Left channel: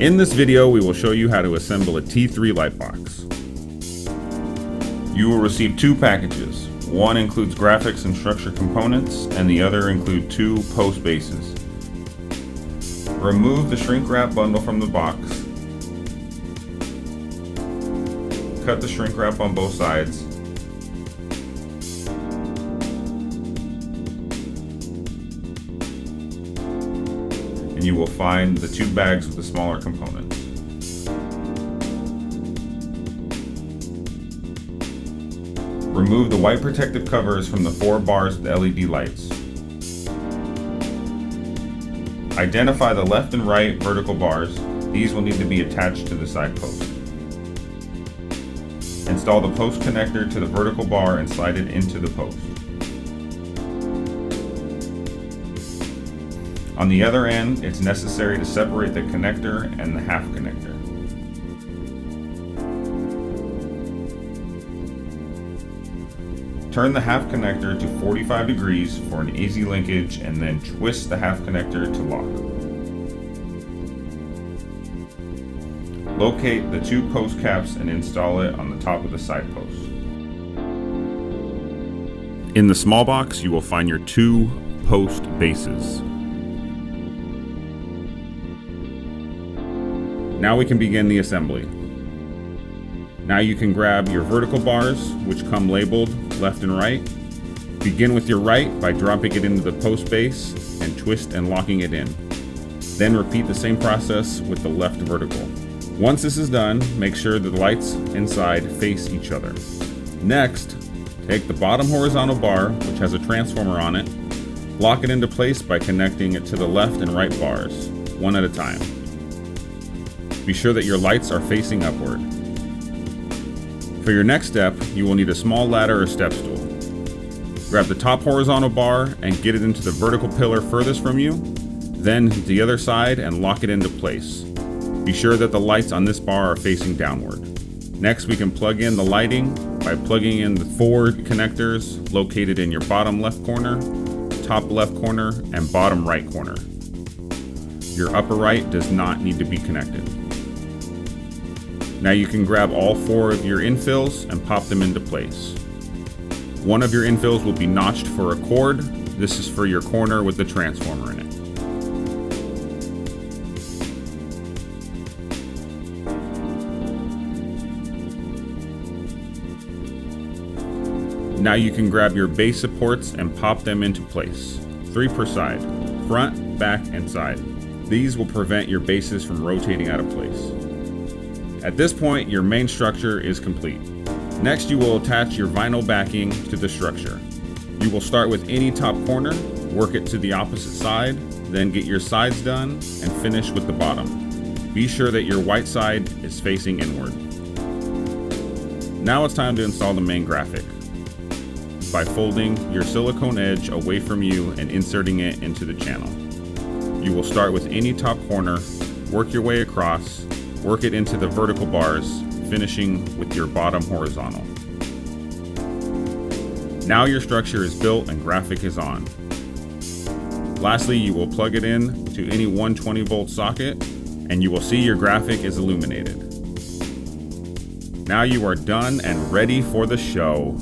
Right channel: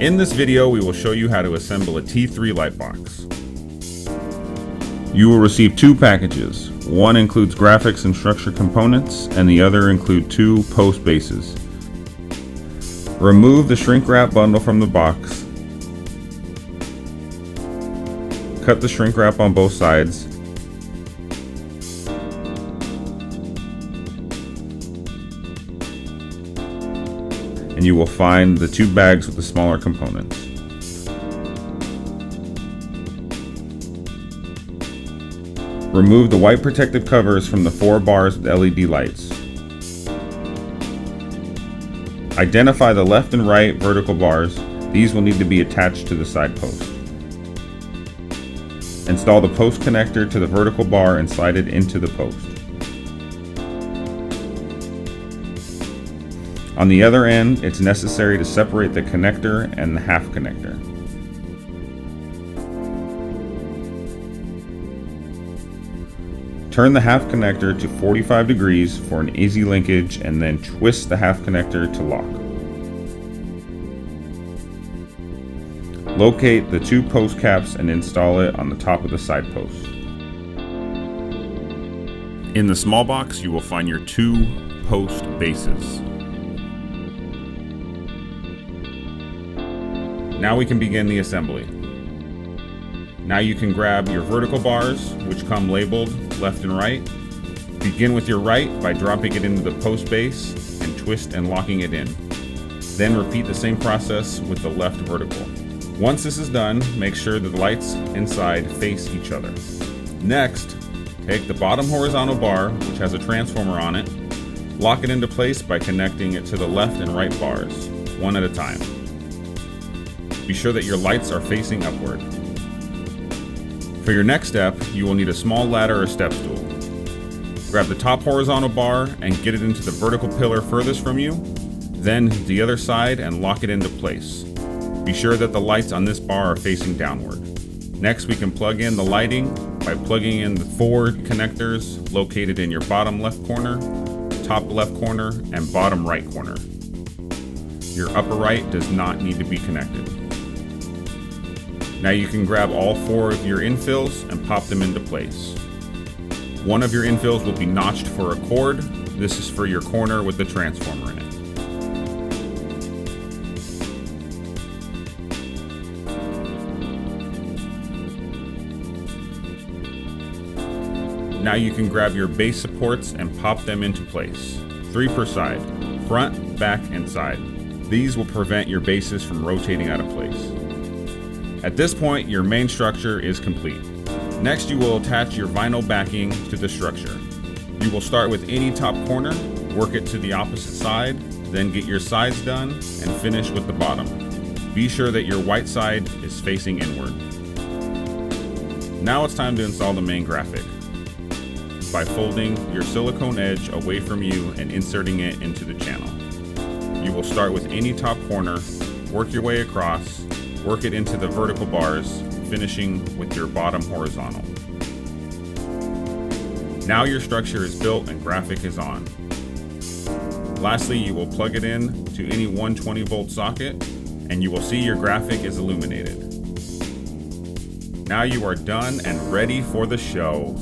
In this video, we will show you how to assemble a T3 light box. You will receive two packages. One includes graphics and structure components, and the other include two post bases. Remove the shrink wrap bundle from the box. Cut the shrink wrap on both sides. And you will find the two bags with the smaller components. Remove the white protective covers from the 4 bars with LED lights. Identify the left and right vertical bars. These will need to be attached to the side post. Install the post connector to the vertical bar and slide it into the post. On the other end, it's necessary to separate the connector and the half connector. Turn the half connector to 45 degrees for an easy linkage and then twist the half connector to lock. Locate the two post caps and install it on the top of the side post. In the small box, you will find your two post bases. Now we can begin the assembly. Now you can grab your vertical bars, which come labeled left and right. Begin with your right by dropping it into the post base and twist and locking it in. Then repeat the same process with the left vertical. Once this is done, make sure the lights inside face each other. Next, take the bottom horizontal bar, which has a transformer on it, lock it into place by connecting it to the left and right bars, one at a time. Be sure that your lights are facing upward. For your next step, you will need a small ladder or step stool. Grab the top horizontal bar and get it into the vertical pillar furthest from you, then the other side and lock it into place. Be sure that the lights on this bar are facing downward. Next, we can plug in the lighting by plugging in the 4 connectors located in your bottom left corner, top left corner, and bottom right corner. Your upper right does not need to be connected. Now you can grab all 4 of your infills and pop them into place. One of your infills will be notched for a cord. This is for your corner with the transformer in it. Now you can grab your base supports and pop them into place. 3 per side, front, back, and side. These will prevent your bases from rotating out of place. At this point, your main structure is complete. Next, you will attach your vinyl backing to the structure. You will start with any top corner, work it to the opposite side, then get your sides done, and finish with the bottom. Be sure that your white side is facing inward. Now it's time to install the main graphic by folding your silicone edge away from you and inserting it into the channel. You will start with any top corner, work your way across, work it into the vertical bars, finishing with your bottom horizontal. Now your structure is built and graphic is on. Lastly, you will plug it in to any 120 volt socket and you will see your graphic is illuminated. Now you are done and ready for the show.